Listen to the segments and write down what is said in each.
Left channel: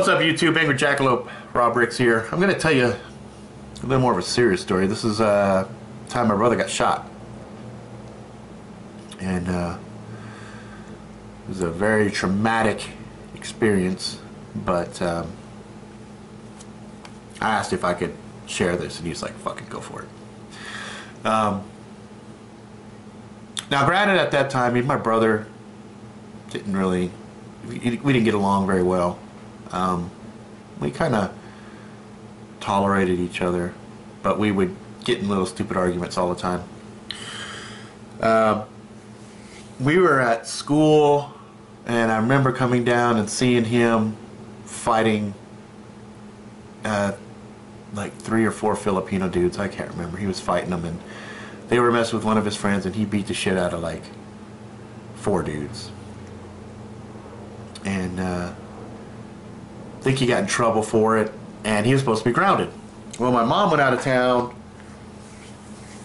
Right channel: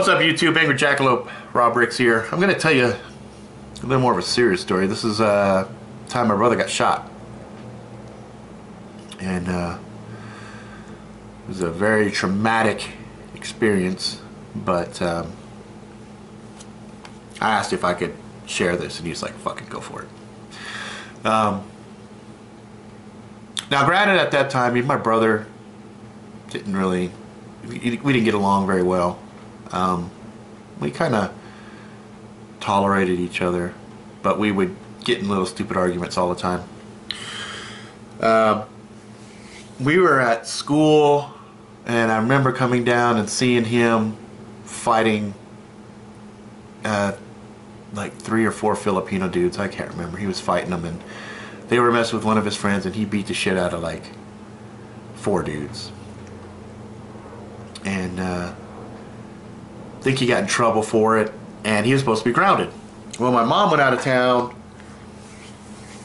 What's up, YouTube? Angry Jackalope, Rob Ricks here. I'm going to tell you a little more of a serious story. This is time my brother got shot. And it was a very traumatic experience, but I asked if I could share this, and he's like, fucking go for it. Now, granted, at that time, me and my brother didn't really, we didn't get along very well. We kind of tolerated each other, but we would get in little stupid arguments all the time. We were at school, and I remember coming down and seeing him fighting like 3 or 4 Filipino dudes. I can't remember. He was fighting them, and they were messing with one of his friends, and he beat the shit out of like 4 dudes. And I think he got in trouble for it, and he was supposed to be grounded. Well, my mom went out of town.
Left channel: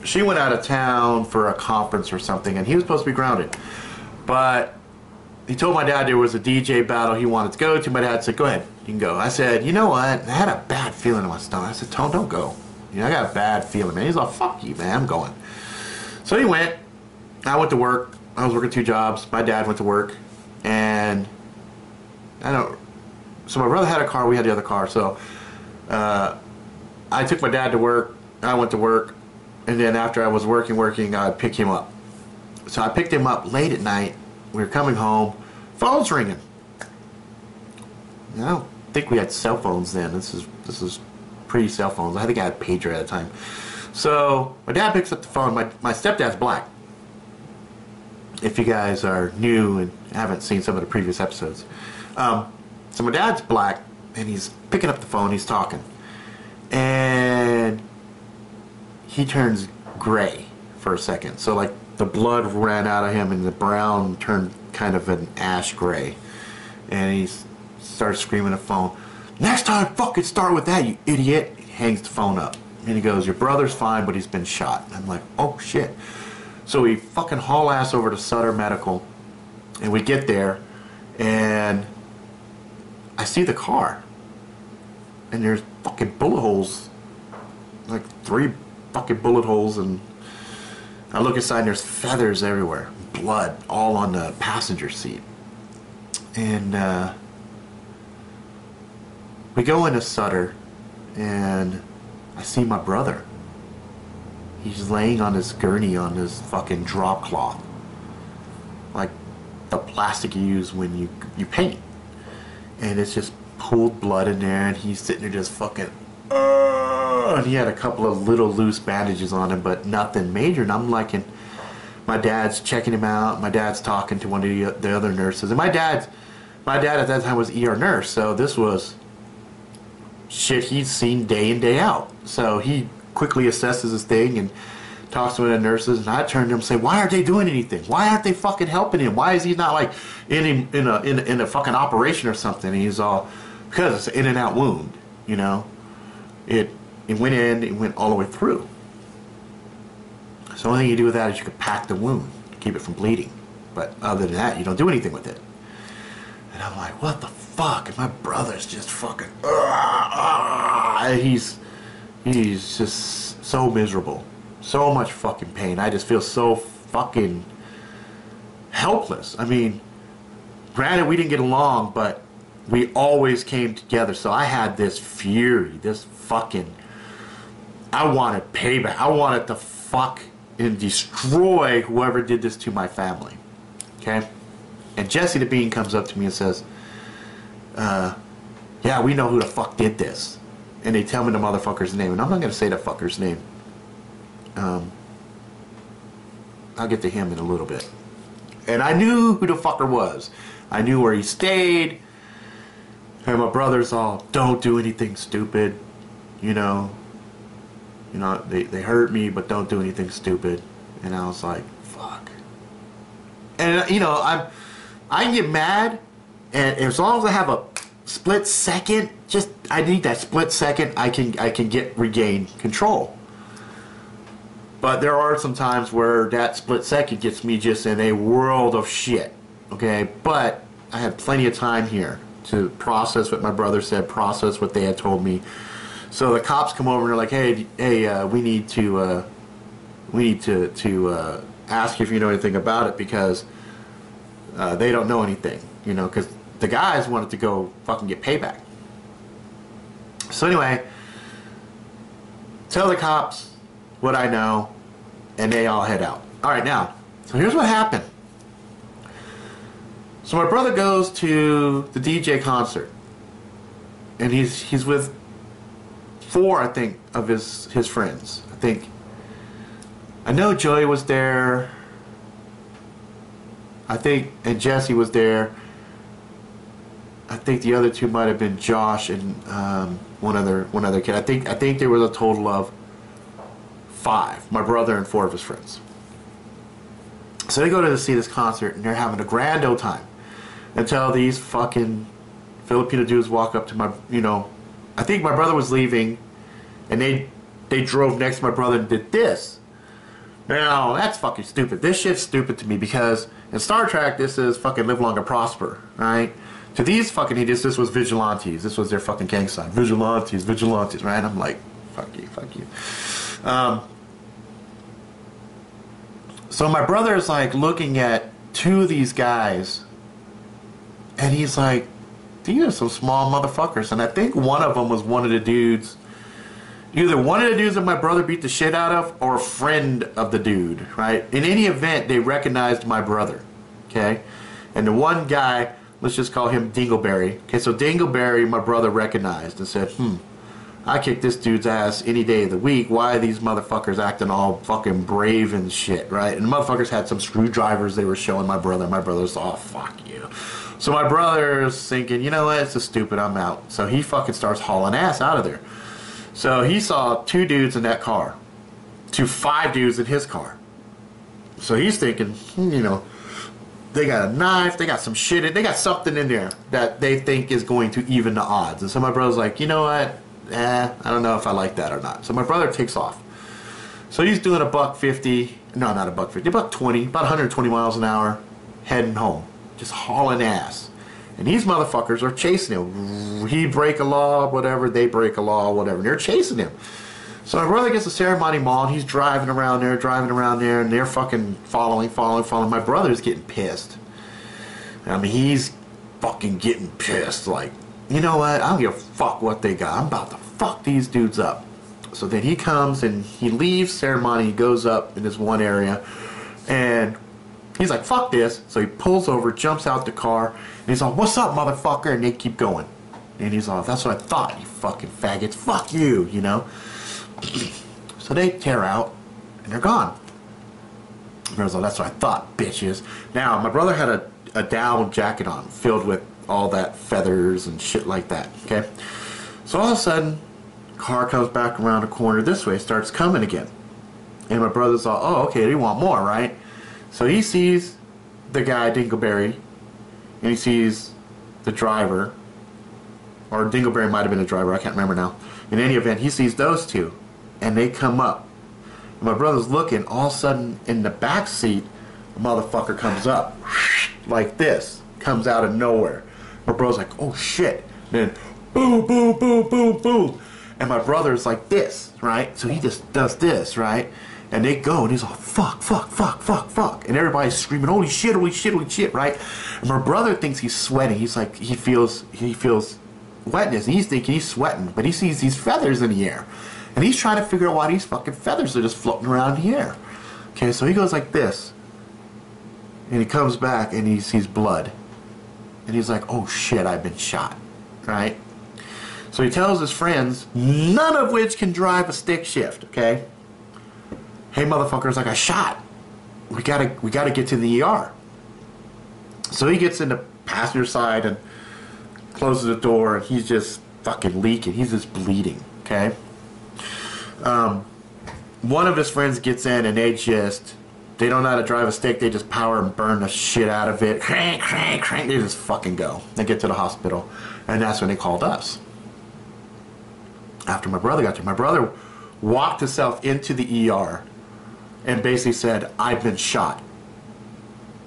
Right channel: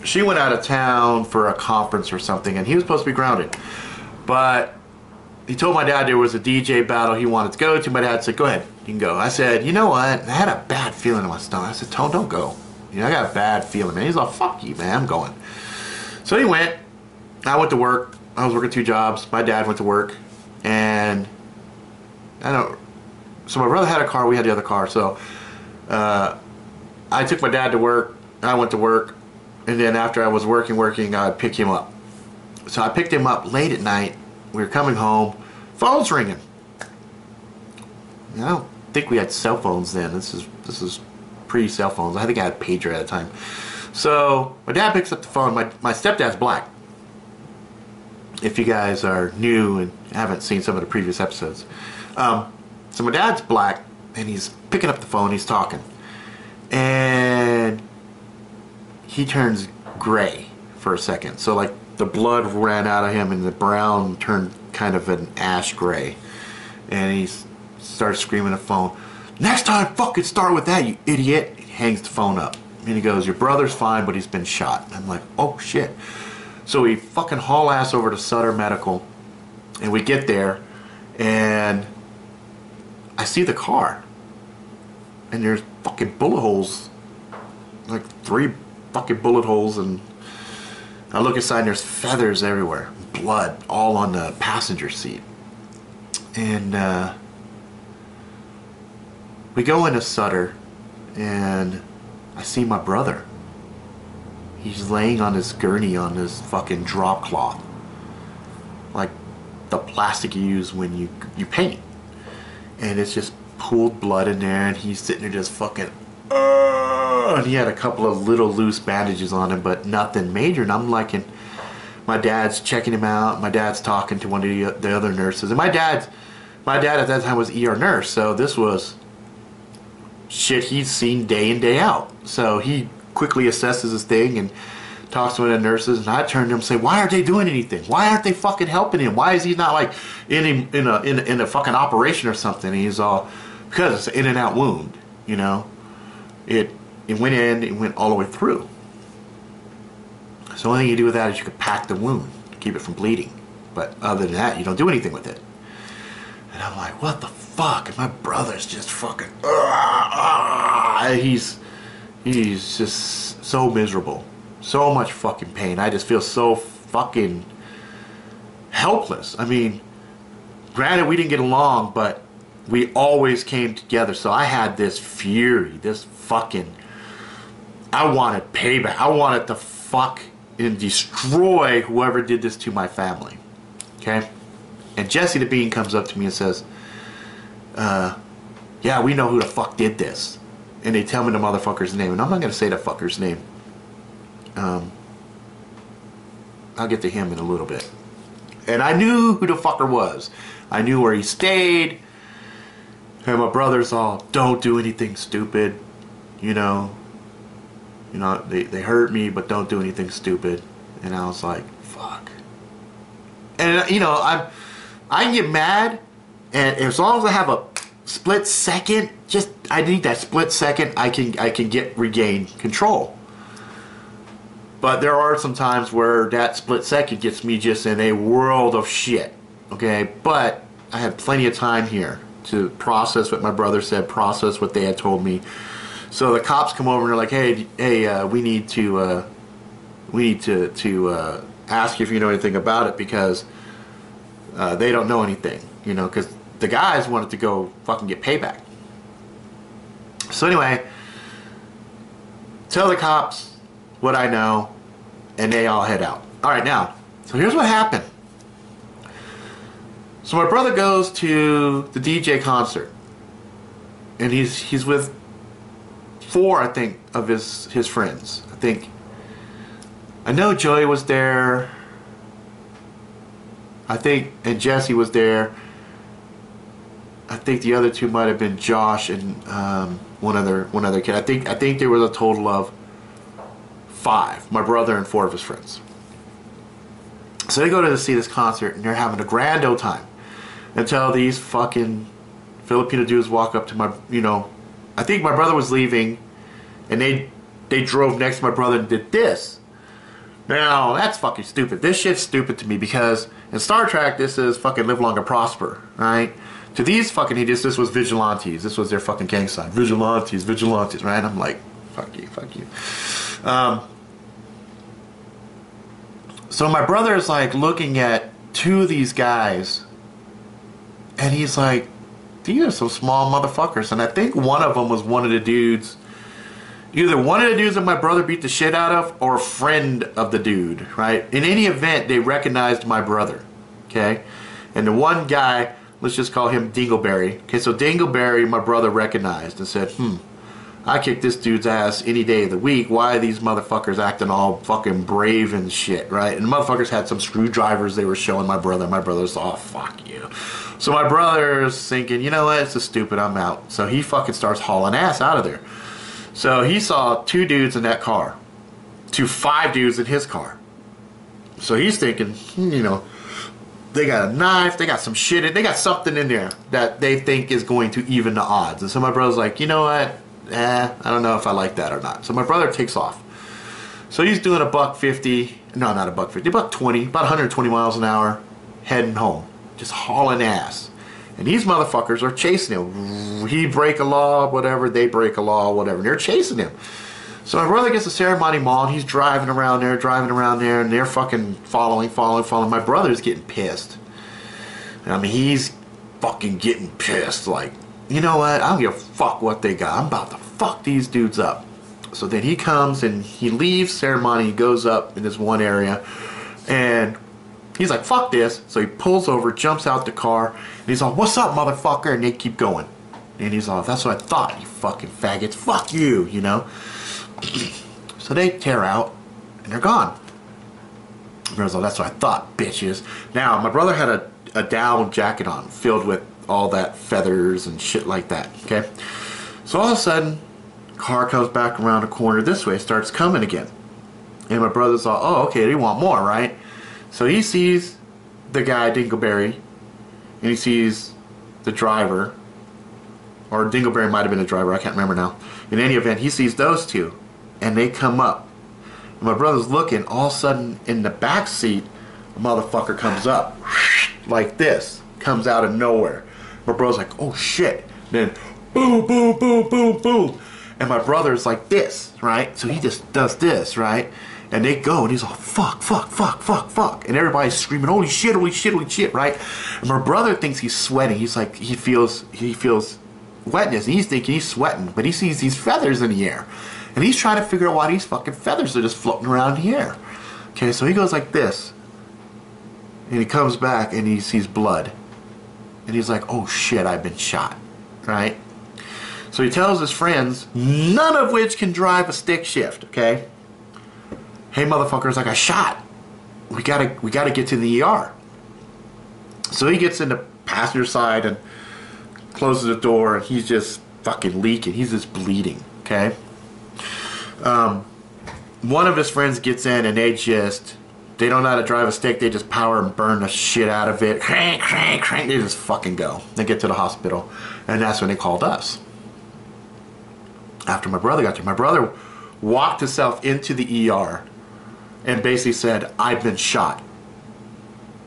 She went out of town for a conference or something, and he was supposed to be grounded. But he told my dad there was a DJ battle he wanted to go to. My dad said, go ahead, you can go. I said, you know what? I had a bad feeling in my stomach. I said, Tone, don't go. You know, I got a bad feeling, man. He's like, fuck you, man, I'm going. So he went. I went to work. I was working 2 jobs. My dad went to work. And so my brother had a car, we had the other car. So I took my dad to work. I went to work. And then after I was working, I'd pick him up. So I picked him up late at night. We were coming home. Phone's ringing. I don't think we had cell phones then. This is pre-cell phones. I think I had a pager at the time. So my dad picks up the phone. My stepdad's black. If you guys are new and haven't seen some of the previous episodes. So my dad's black, and he's picking up the phone. He's talking. And he turns gray for a second. So like the blood ran out of him, and the brown turned kind of an ash gray. And he starts screaming at the phone, next time fucking start with that, you idiot. He hangs the phone up. And he goes, your brother's fine, but he's been shot. And I'm like, oh shit. So we fucking haul ass over to Sutter Medical. And we get there, and I see the car. And there's fucking bullet holes. Like 3 fucking bullet holes, and I look inside and there's feathers everywhere. Blood all on the passenger seat. And we go into Sutter, and I see my brother. He's laying on his gurney on this fucking drop cloth. Like the plastic you use when you paint. And it's just pooled blood in there, and he's sitting there just fucking and he had a couple of little loose bandages on him, but nothing major. And I'm like, and my dad's checking him out. My dad's talking to one of the other nurses, and my dad at that time was ER nurse, so this was shit he's seen day in, day out. So he quickly assesses his thing and talks to one of the nurses, and I turn to him and say, why aren't they doing anything? Why aren't they fucking helping him? Why is he not like in a fucking operation or something? And he's all, because it's an in and out wound, you know. It went in, it went all the way through. So the only thing you do with that is you can pack the wound to keep it from bleeding. But other than that, you don't do anything with it. And I'm like, what the fuck? And my brother's just fucking, he's just so miserable. So much fucking pain. I just feel so fucking helpless. I mean, granted we didn't get along, but we always came together. So I had this fury, this fucking, I wanted payback. I wanted to fuck and destroy whoever did this to my family. Okay? And Jesse the Bean comes up to me and says, yeah, we know who the fuck did this. And they tell me the motherfucker's name. And I'm not going to say the fucker's name. I'll get to him in a little bit. And I knew who the fucker was. I knew where he stayed. And my brother's all, don't do anything stupid. You know, they hurt me, but don't do anything stupid. And I was like, fuck. And you know, I can get mad, and as long as I have a split second, I need that split second, I can regain control. But there are some times where that split second gets me just in a world of shit. Okay, but I had plenty of time here to process what my brother said, process what they had told me. So the cops come over and they're like, hey, we need to ask you if you know anything about it, because they don't know anything, you know, because the guys wanted to go fucking get payback. So anyway, tell the cops what I know, and they all head out. All right, now, so here's what happened. So my brother goes to the DJ concert, and he's with 4, I think, of his friends. I know Joey was there, I think, and Jesse was there. I think the other 2 might have been Josh and one other kid. I think there was a total of 5. My brother and 4 of his friends. So they go to see this concert, and they're having a grand old time until these fucking Filipino dudes walk up to my, you know, I think my brother was leaving, and they drove next to my brother and did this. Now, that's fucking stupid. This shit's stupid to me, because in Star Trek, this is fucking live long and prosper, right? To these fucking idiots, this was vigilantes. This was their fucking gang sign. Vigilantes, right? I'm like, fuck you. So my brother is like looking at 2 of these guys, and he's like, these are some small motherfuckers. And I think one of them was one of the dudes, either one of the dudes that my brother beat the shit out of, or a friend of the dude, right? In any event, they recognized my brother, okay? And the one guy, let's just call him Dingleberry. Okay, so Dingleberry, my brother recognized and said, I kick this dude's ass any day of the week. Why are these motherfuckers acting all fucking brave and shit, right? And the motherfuckers had some screwdrivers they were showing my brother. My brother's, oh, fuck you. So my brother's thinking, you know what, it's just stupid, I'm out. So he fucking starts hauling ass out of there. So he saw 2 dudes in that car, to 5 dudes in his car. So he's thinking, you know, they got a knife, they got some shit, they got something in there that they think is going to even the odds. And so my brother's like, you know what, I don't know if I like that or not. So my brother takes off. So he's doing a $150, no, not a $150, $120, about 120 miles an hour, heading home, just hauling ass. And these motherfuckers are chasing him. He break a law, whatever, they break a law, whatever, and they're chasing him. So my brother gets to Ceremony Mall, and he's driving around there, and they're fucking following. My brother's getting pissed. I mean, he's fucking getting pissed, like, you know what, I don't give a fuck what they got. I'm about to fuck these dudes up. So then he comes, and he leaves Ceremony, he goes up in this one area, and he's like, fuck this. So he pulls over, jumps out the car, and he's like, what's up, motherfucker? And they keep going. And he's like, that's what I thought, you fucking faggots. Fuck you, you know? So they tear out, and they're gone. And I was like, that's what I thought, bitches. Now, my brother had a down jacket on, filled with all that feathers and shit like that, okay? So all of a sudden, car comes back around the corner this way, starts coming again. And my brother's like, oh, okay, they want more, right? So he sees the guy, Dingleberry, and he sees the driver, or Dingleberry might have been the driver, I can't remember now. In any event, he sees those 2, and they come up. And my brother's looking, all of a sudden, in the back seat, a motherfucker comes up, like this, comes out of nowhere. My brother's like, oh shit. Then, boom, boom, boom, boom, boom. And my brother's like this, right? So he just does this, right? And they go, and he's like, fuck, fuck, fuck, fuck, fuck. And everybody's screaming, holy shit, holy shit, holy shit, right? And my brother thinks he's sweating. He's like, he feels wetness, and he's thinking he's sweating, but he sees these feathers in the air. And he's trying to figure out why these fucking feathers are just floating around in the air. Okay, so he goes like this. And he comes back, and he sees blood. And he's like, oh shit, I've been shot, right? So he tells his friends, none of which can drive a stick shift, okay? Hey motherfuckers, I got shot. We gotta get to the ER. So he gets in the passenger side and closes the door, and he's just fucking leaking. He's just bleeding, okay? One of his friends gets in, and they don't know how to drive a stick. They just power and burn the shit out of it. Crank, crank, crank. They just fucking go. They get to the hospital, and that's when they called us. After my brother got there, my brother walked himself into the ER and basically said, I've been shot.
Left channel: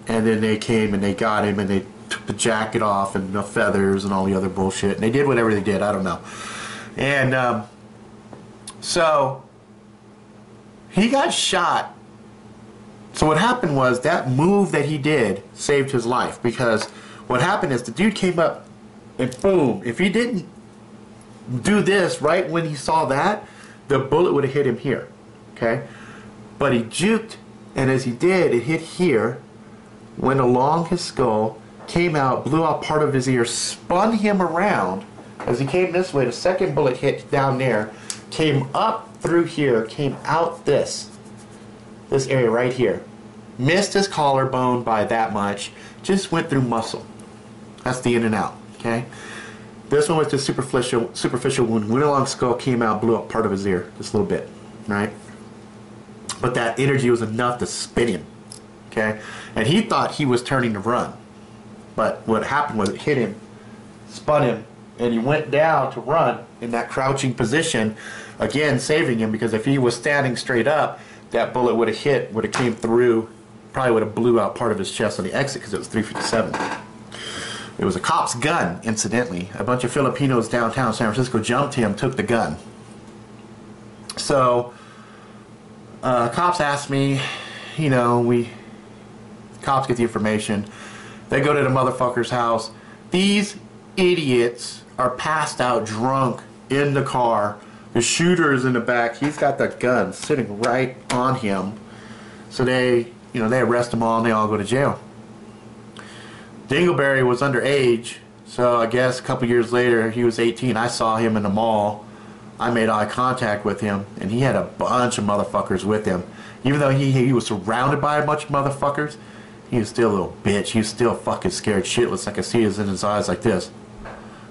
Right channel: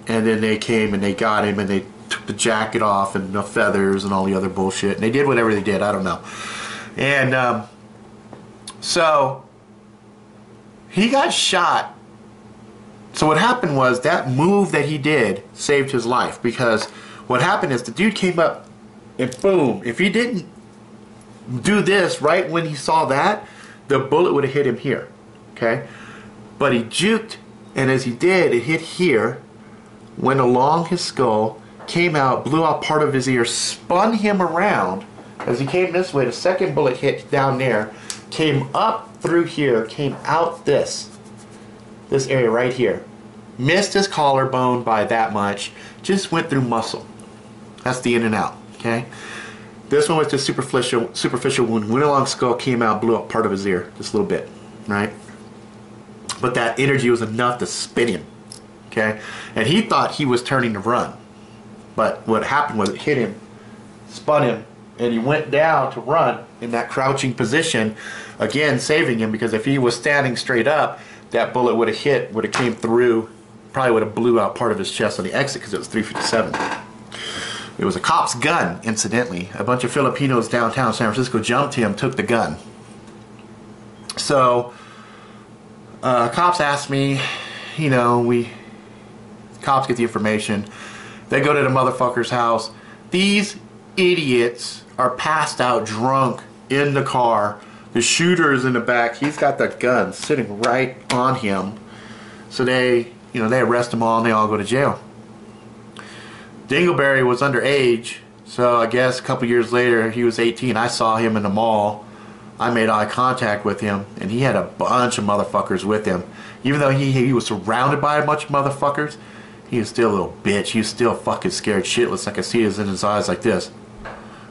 And then they came and they got him, and they took the jacket off and the feathers and all the other bullshit. And they did whatever they did. I don't know. And so he got shot. So what happened was that move that he did saved his life, because what happened is the dude came up and boom, if he didn't do this right when he saw that, the bullet would have hit him here, okay? But he juked, and as he did, it hit here, went along his skull, came out, blew out part of his ear, spun him around. As he came this way, the second bullet hit down there, came up through here, came out this area right here. Missed his collarbone by that much, just went through muscle. That's the in and out, okay? This one was just superficial wound, went along skull, came out, blew up part of his ear, just a little bit, right? But that energy was enough to spin him, okay? And he thought he was turning to run. But what happened was it hit him, spun him, and he went down to run in that crouching position, again saving him, because if he was standing straight up, that bullet would have came through, probably would have blew out part of his chest on the exit, because it was 357. It was a cop's gun, incidentally. A bunch of Filipinos downtown San Francisco jumped him, took the gun. So, cops asked me, you know, cops get the information. They go to the motherfucker's house. These idiots are passed out drunk in the car. The shooter is in the back. He's got the gun sitting right on him. So they arrest them all and they all go to jail. Dingleberry was underage, so I guess a couple years later, he was 18. I saw him in the mall. I made eye contact with him, and he had a bunch of motherfuckers with him. Even though he was surrounded by a bunch of motherfuckers, he was still a little bitch. He was still fucking scared shitless. I could see it in his eyes like this.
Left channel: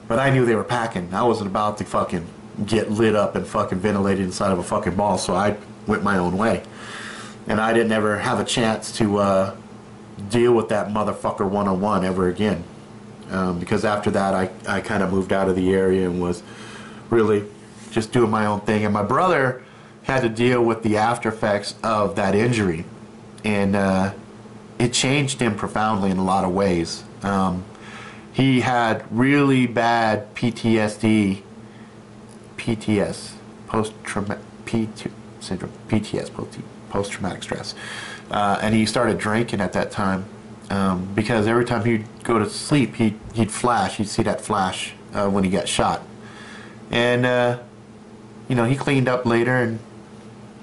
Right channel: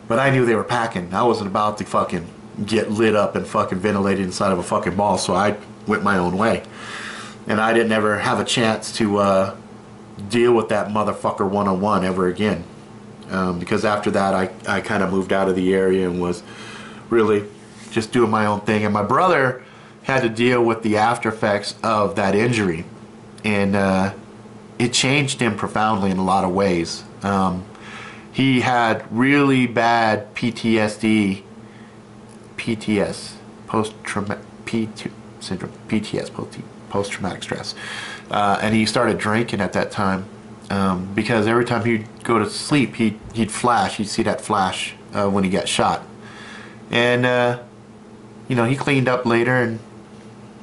But I knew they were packing. I wasn't about to fucking get lit up and fucking ventilated inside of a fucking mall, so I went my own way. And I didn't ever have a chance to deal with that motherfucker one-on-one ever again. Because after that, I kind of moved out of the area and was really just doing my own thing. And my brother had to deal with the after effects of that injury. And it changed him profoundly in a lot of ways. He had really bad PTSD, post-traumatic syndrome, post-traumatic stress. And he started drinking at that time because every time he'd go to sleep, he'd flash. He'd see that flash when he got shot. And, he cleaned up later and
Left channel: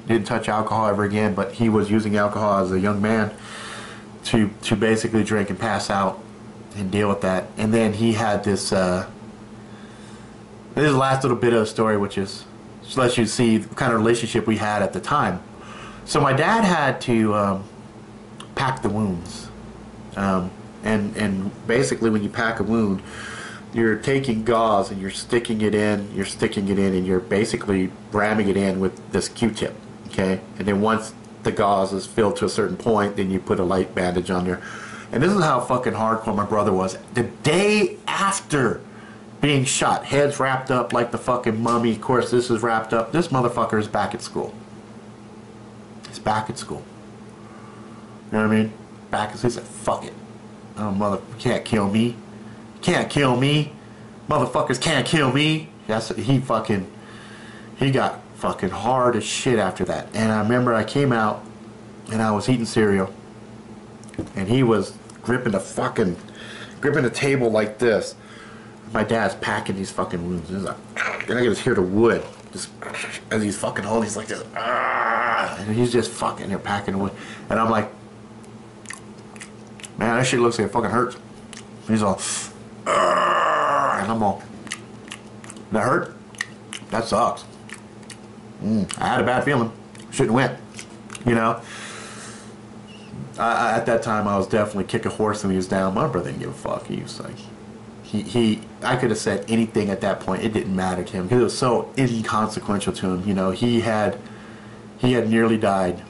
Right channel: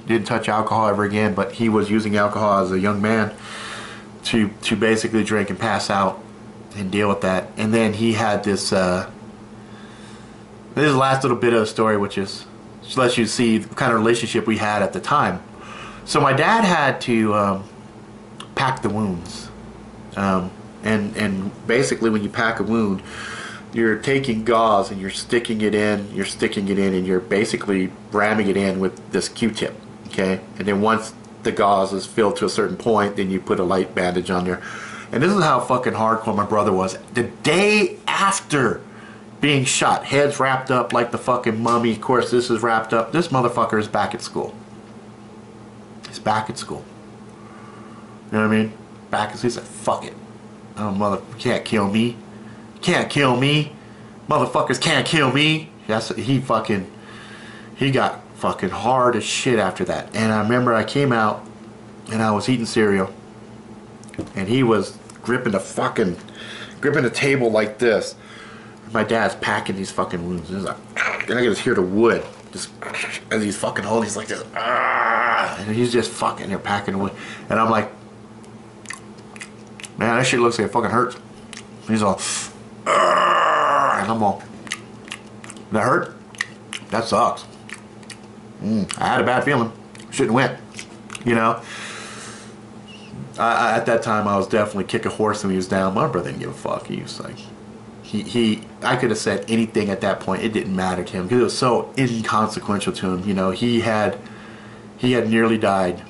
didn't touch alcohol ever again, but he was using alcohol as a young man to basically drink and pass out and deal with that. And then he had this is the last little bit of the story, which lets you see the kind of relationship we had at the time. So my dad had to pack the wounds. And basically when you pack a wound, you're taking gauze and you're sticking it in, and you're basically ramming it in with this Q-tip, okay? And then once the gauze is filled to a certain point, then you put a light bandage on there. And this is how fucking hardcore my brother was. The day after being shot, heads wrapped up like the fucking mummy. Of course, this is wrapped up. This motherfucker is back at school. He's back at school. You know what I mean? Back at school. He's like, fuck it. Oh, mother, you can't kill me. You can't kill me. Motherfuckers can't kill me. He got fucking hard as shit after that. And I remember I came out and I was eating cereal. And he was gripping the table like this. My dad's packing these fucking wounds. He's like, and I can just hear the wood just as he's fucking holding. He's like this, and he's just fucking there packing wood. And I'm like, man, that shit looks like it fucking hurts. He's all, and I'm all, that hurt? That sucks. I had a bad feeling. Shouldn't went, at that time, I was definitely kick a horse when he was down. My brother didn't give a fuck. He was like, I could have said anything at that point. It didn't matter to him because it was so inconsequential to him. He had nearly died,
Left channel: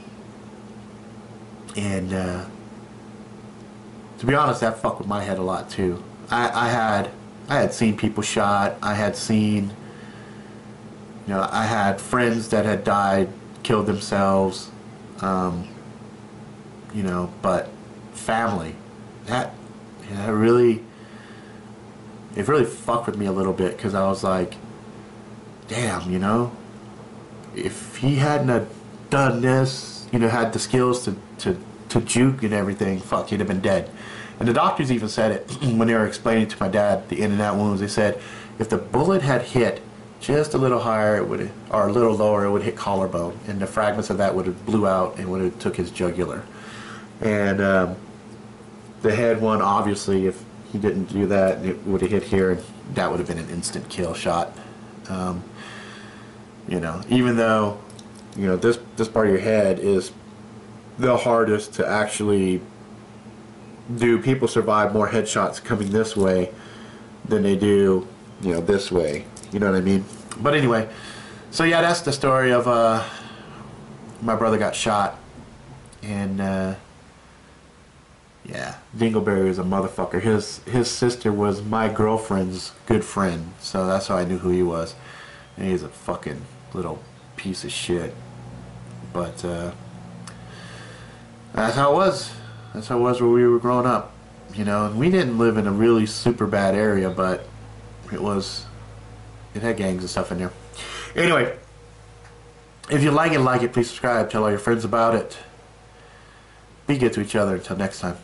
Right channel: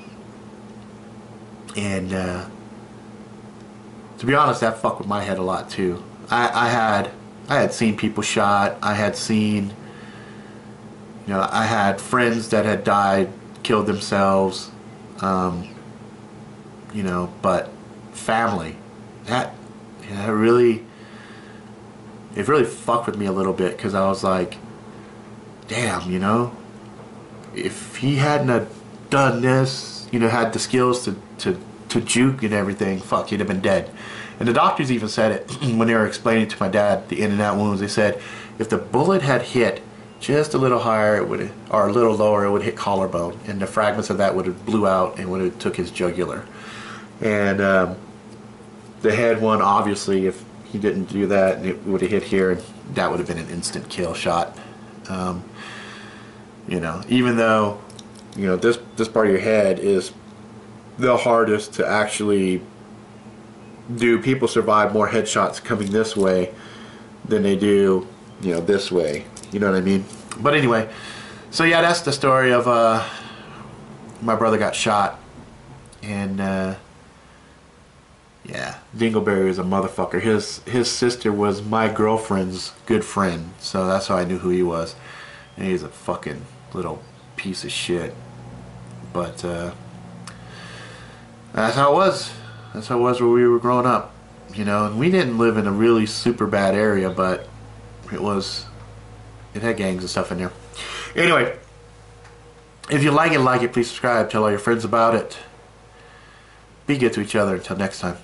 and to be honest, that fucked with my head a lot too. I had seen people shot. I had seen, I had friends that had died, killed themselves. But family, that And it really fucked with me a little bit, because I was like, damn, you know, if he hadn't have done this, you know, had the skills to juke and everything, fuck, he'd have been dead. And the doctors even said it when they were explaining to my dad the in and out wounds. They said if the bullet had hit just a little higher, or a little lower, it would hit collarbone, and the fragments of that would have blew out and would have took his jugular. And the head one, obviously, if he didn't do that, it would have hit here, and that would have been an instant kill shot. You know, even though, you know, this part of your head is the hardest to actually do. People survive more headshots coming this way than they do, you know, this way. You know what I mean? But anyway, so yeah, that's the story of my brother got shot, and yeah, Dingleberry is a motherfucker. His sister was my girlfriend's good friend, so that's how I knew who he was. And he's a fucking little piece of shit. But that's how it was. That's how it was where we were growing up. You know, and we didn't live in a really super bad area, but it had gangs and stuff in there. Anyway, if you like it, please subscribe. Tell all your friends about it. Be good to each other. Until next time.